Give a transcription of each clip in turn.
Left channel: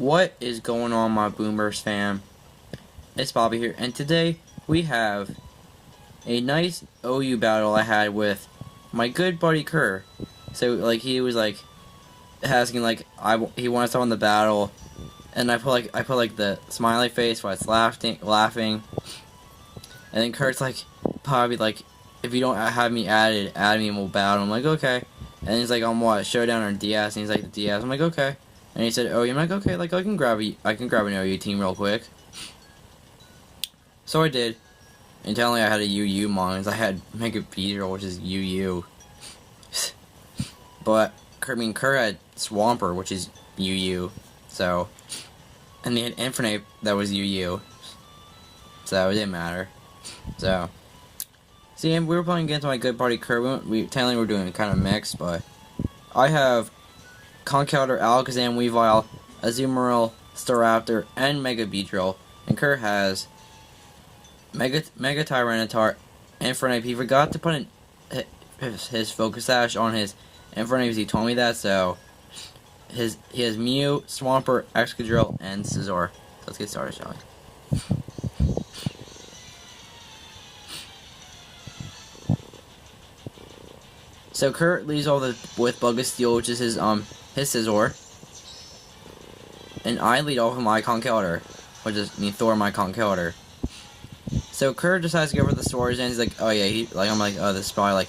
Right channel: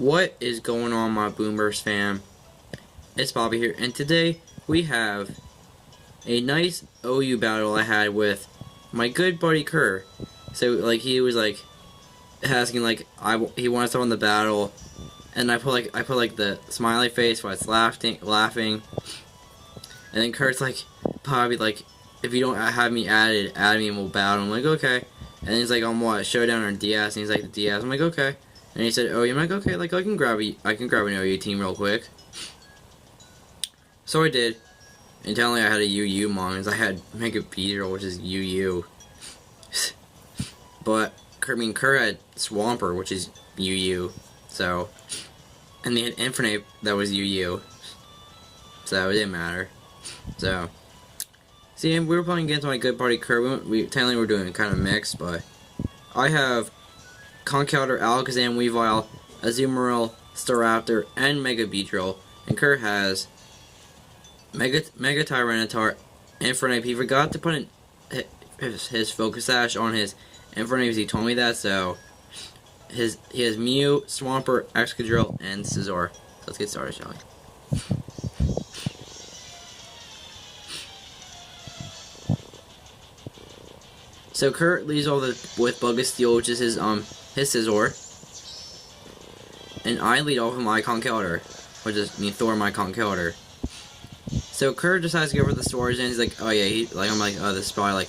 What is going on, my Boomers fam? It's Bobby here, and today we have a nice OU battle I had with my good buddy Curt. So, like, he was like asking, like, he wanted to throw in the battle, and I put the smiley face while it's laughing, and then Curt's like, Bobby, like, if you don't have me added, add me and we'll battle. I'm like, okay. And he's like, on what, Showdown or DS? And he's like, the DS. I'm like, okay. And he said, oh, I'm like, okay, like, I can grab an OU team real quick. So I did. And telling I had a UU mons. I had Mega Beetle, which is UU. But, Curt had Swamper, which is UU. So, and they had Infinite, that was UU. So, it didn't matter. So, see, we were playing against my good buddy Curt. Technically, we're doing kind of mixed, but I have Conkeldurr, Alakazam, Weavile, Azumarill, Staraptor, and Mega Beedrill. And Curt has Mega Tyranitar, Infernape. He forgot to put in his Focus Sash on his Infernape because he told me that, so he has Mew, Swampert, Excadrill, and Scizor. So let's get started, shall we? So Curt leads all with Bug of Steel, which is his Scizor. And I lead off with my Conkeldurr, which is Thor my Conkeldurr. So Curt decides to go for the Swords, and he's like, oh yeah, I'm like, oh, this is probably like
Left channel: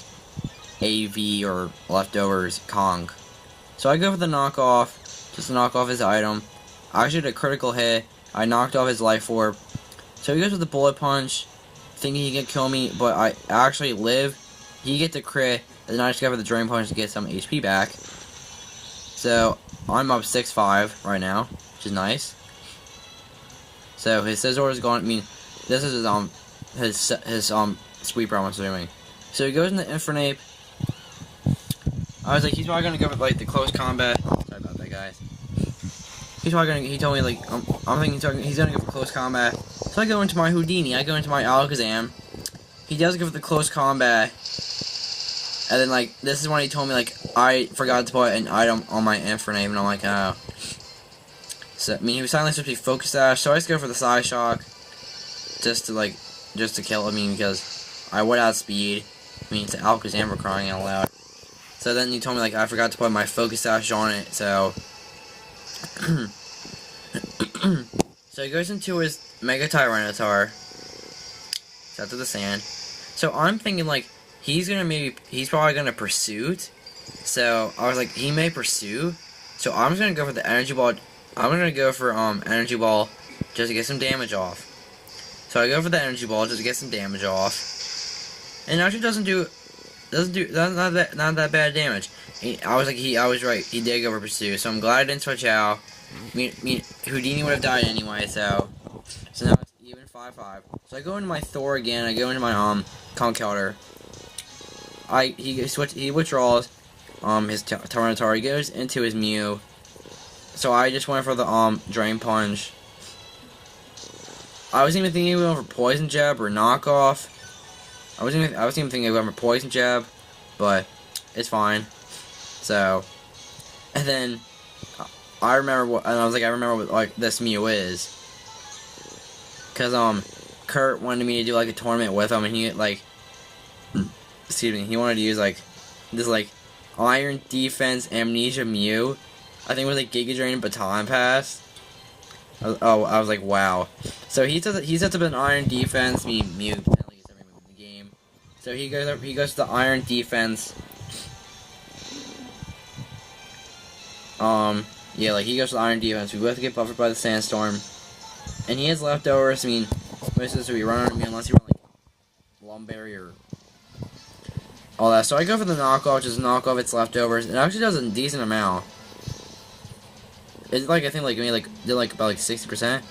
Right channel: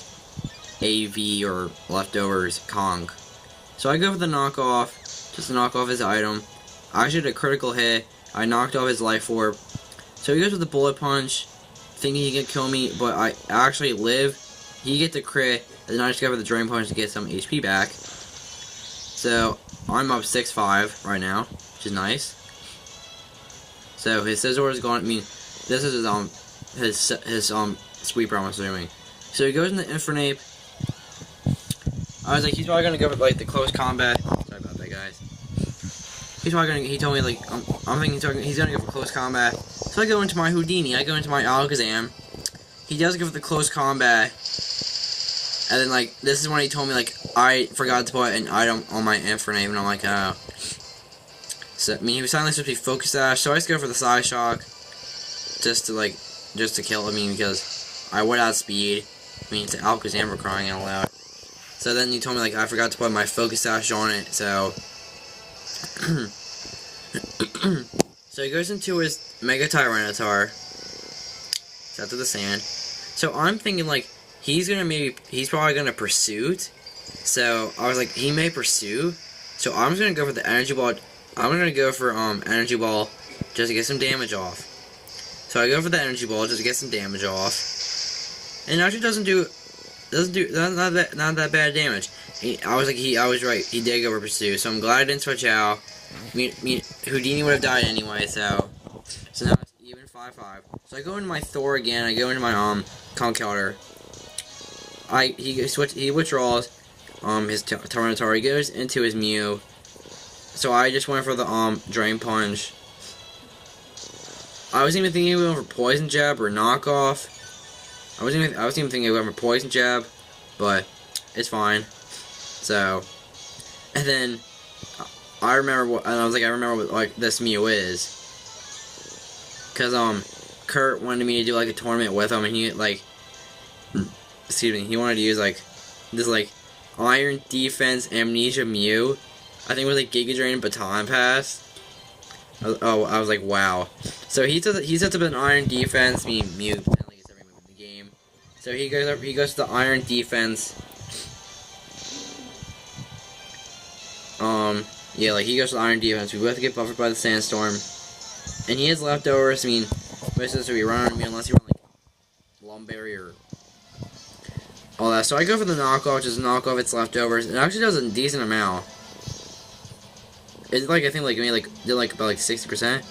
AV or Leftovers Kong. So I go for the knockoff, just to knock off his item. I actually did a critical hit. I knocked off his Life Orb. So he goes with the Bullet Punch, thinking he can kill me, but I actually live. He gets a crit, and then I just go for the Drain Punch to get some HP back. So I'm up 6-5 right now, which is nice. So his Scizor is gone. I mean, this is his Sweeper I'm assuming. So he goes into Infernape. I was like, he's probably gonna go with like the close combat. Sorry about that, guys. He's probably gonna. He told me like I'm thinking he's gonna go for close combat. So I go into my Houdini. I go into my Alakazam. He does go for the close combat. And then like this is when he told me like I forgot to put an item on my Infernape, and I'm like, oh. So I mean he was suddenly supposed to be Focus Sash, so I just go for the Side Shock. Just to kill him, because I would outspeed. I mean, it's Alakazam for crying out loud. So then he told me, like, I forgot to put my Focus Sash on it, so... So he goes into his Mega Tyranitar. Set to the sand. So I'm thinking, like, he's probably gonna Pursuit. So I was like, he may Pursue. So I'm just gonna go for the Energy Ball. I'm gonna go for, Energy Ball just to get some damage off. So I go for the Energy Ball just to get some damage off, and it actually not that bad damage. I was right. He did go for Pursue, so I'm glad I didn't switch out. Houdini would have died anyway, so now it's even 5-5. So I go into my Thor again. I go into my Conkeldurr. He withdraws his Tyranitar. He goes into his Mew. So I just went for the Drain Punch. I wasn't even thinking of going for Poison Jab or Knockoff. I wasn't even thinking of going for Poison Jab, but it's fine. So, and then I remember what like this Mew is, cause Curt wanted me to do like a tournament with him, and he like, he wanted to use like this like Iron Defense Amnesia Mew. I think it was like Giga Drain Baton Pass. I was like, wow. So he sets up an Iron Defense. Mew apparently gets every move in the game. So he goes to the Iron Defense. Yeah, like he goes to the Iron Defense. We both get buffered by the Sandstorm, and he has leftovers. I mean, most of this will be running on me unless you want like Lumberry or all that. So I go for the knockoff, just knock off its leftovers. It actually does a decent amount. It's like, I think, like, did like about like 60%.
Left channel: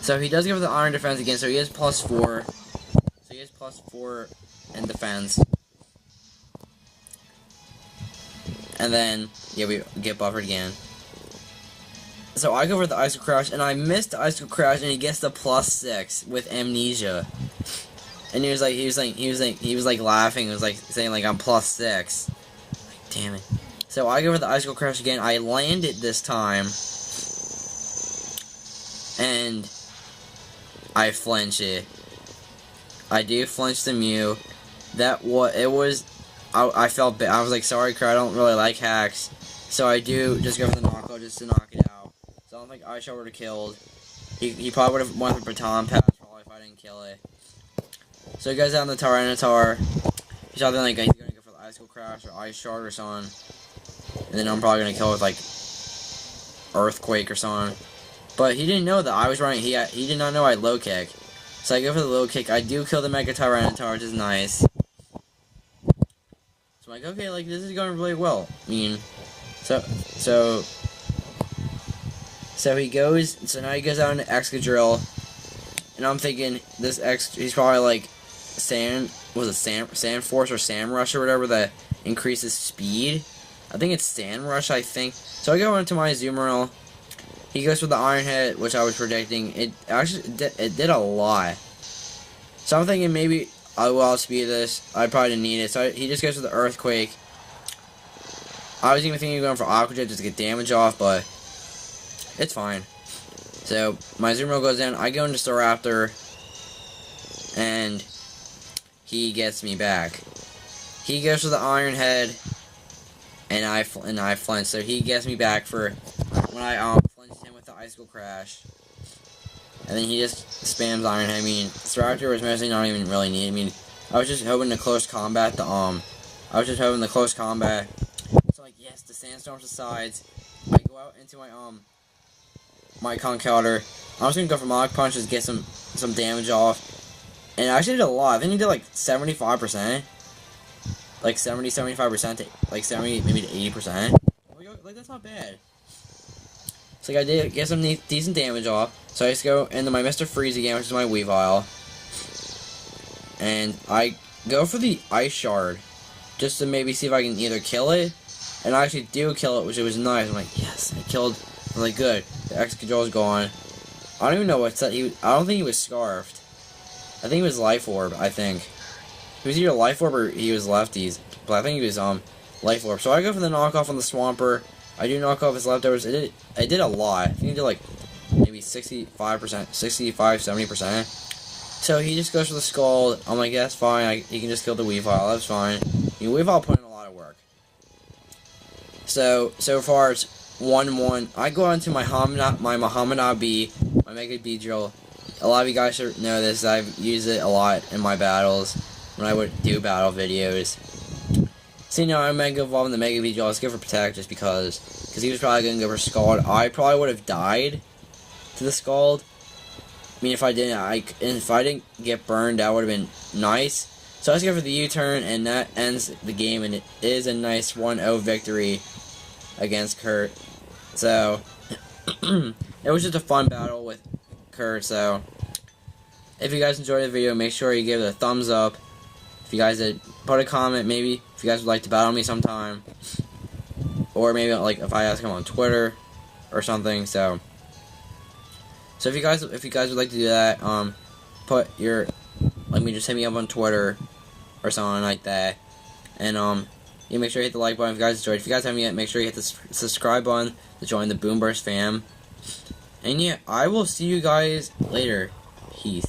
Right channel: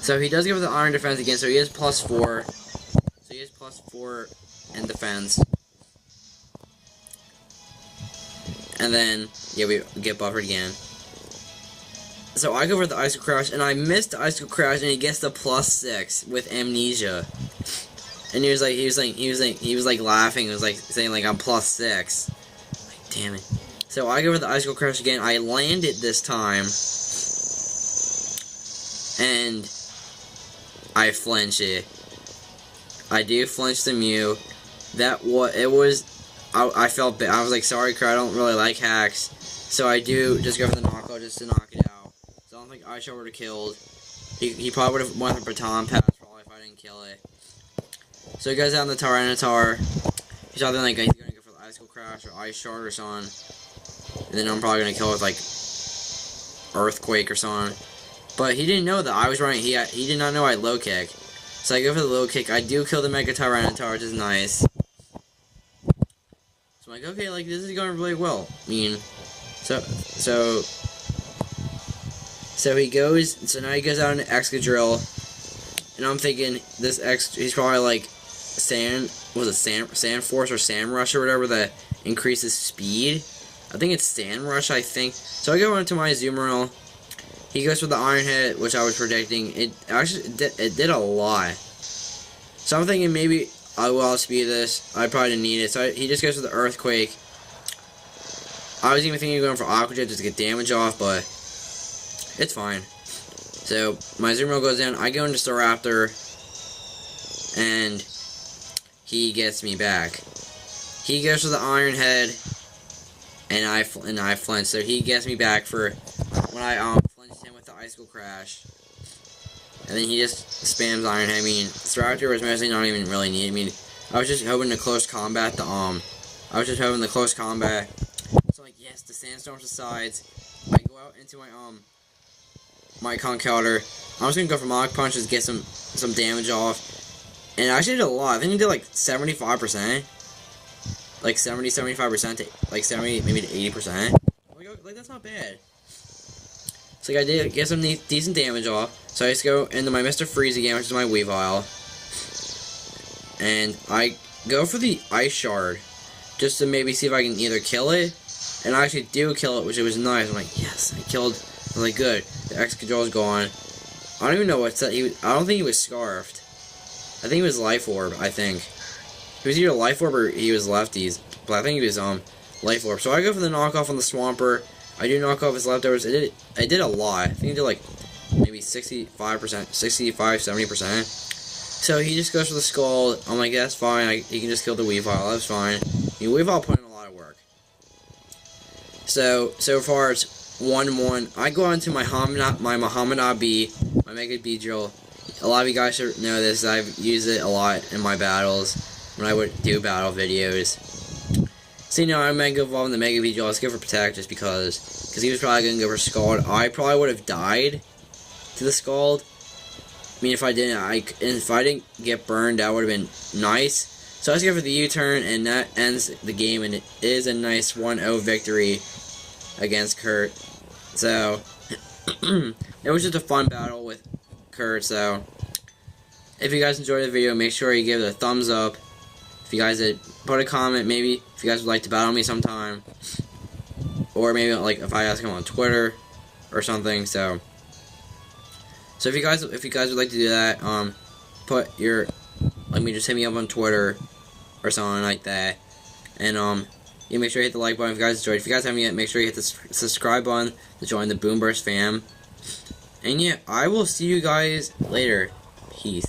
So he does give the Iron Defense again, so he has +4. So he has +4 in defense. And then, yeah, we get buffered again. So I go for the Icicle Crash, and I missed the Icicle Crash, and he gets the +6 with Amnesia. And he was like laughing, he was like saying like I'm +6. Like, damn it. So I go for the Icicle Crash again. I land it this time. I flinch it. I do flinch the Mew. I felt bad. I was like, sorry, Curt, I don't really like hacks. So I do just go for the knockout just to knock it out. So I don't think iShard would have killed. He probably would have won the baton pass probably if I didn't kill it. So he goes out in the Tyranitar. He's either like, he's gonna go for the Icicle Crash or iShard or something. And then I'm probably gonna kill with like Earthquake or something. But he didn't know that I was running. He did not know I had low kick. So I go for the low kick. I do kill the Mega Tyranitar, which is nice. So I'm like, okay, like this is going really well. I mean, so he goes. So now he goes out into Excadrill, and I'm thinking he's probably like Sand Force or Sand Rush or whatever that increases speed. I think it's Sand Rush. I think. So I go into my Azumarill. He goes for the Iron Head, which I was predicting. It did a lot. So I'm thinking maybe I will outspeed this. I probably didn't need it. So he just goes for the Earthquake. I was even thinking of going for Aqua Jet just to get damage off, but it's fine. So my Azumarill goes in. I go into Staraptor, and he gets me back. He goes for the Iron Head, and I flinch. So he gets me back for when I flinched him with the Icicle Crash. And then he just spams Iron Head. I mean, Staraptor was mostly not even really needed. I mean, I was just hoping to close combat So like, yes, the Sandstorm subsides. I go out into my Conkeldurr. I was gonna go for Mach Punch to get some damage off. And I actually did a lot. I think he did like 75%. Like 75% to like 70, maybe to 80%. Like that's not bad. So like, I did get some decent damage off. So I just go into my Mr. Freeze again, which is my Weavile. And I go for the Ice Shard, just to maybe see if I can either kill it. And I actually do kill it, which was nice. I'm like, yes, I killed. I'm like, good. The Excadrill's gone. I don't even know what set I don't think he was Scarfed. I think he was Life Orb, I think. He was either Life Orb or he was Lefties. But I think he was Life Orb. So I go for the knockoff on the Swampert. I do knock off his leftovers. I did a lot. I think he did like maybe 65-70%. So he just goes for the Scald. I'm like, that's fine. He can just kill the Weavile. That's fine. I mean, Weavile put in a lot of work. So far it's 1-1. I go into my Muhammad B, my Mega Beedrill. A lot of you guys should know this. I've used it a lot in my battles when I would do battle videos. So, you know, I'm going to go evolve in the Mega Beedrill. Let's go for Protect just because he was probably going to go for Scald. I probably would have died to the Scald. I mean, if I didn't get burned, that would have been nice. So let's go for the U-turn, and that ends the game, and it is a nice 1-0 victory against Curt. So, it was just a fun battle with Curt, so if you guys enjoyed the video, make sure you give it a thumbs up. If you guys did, put a comment, maybe, if you guys would like to battle me sometime. Or maybe, like, if I ask him on Twitter or something, so if you guys would like to do that, just hit me up on Twitter or something like that. And, you make sure you hit the like button if you guys enjoyed. If you guys haven't yet, make sure you hit the subscribe button to join the Boomburst fam. And yeah, I will see you guys later. Peace.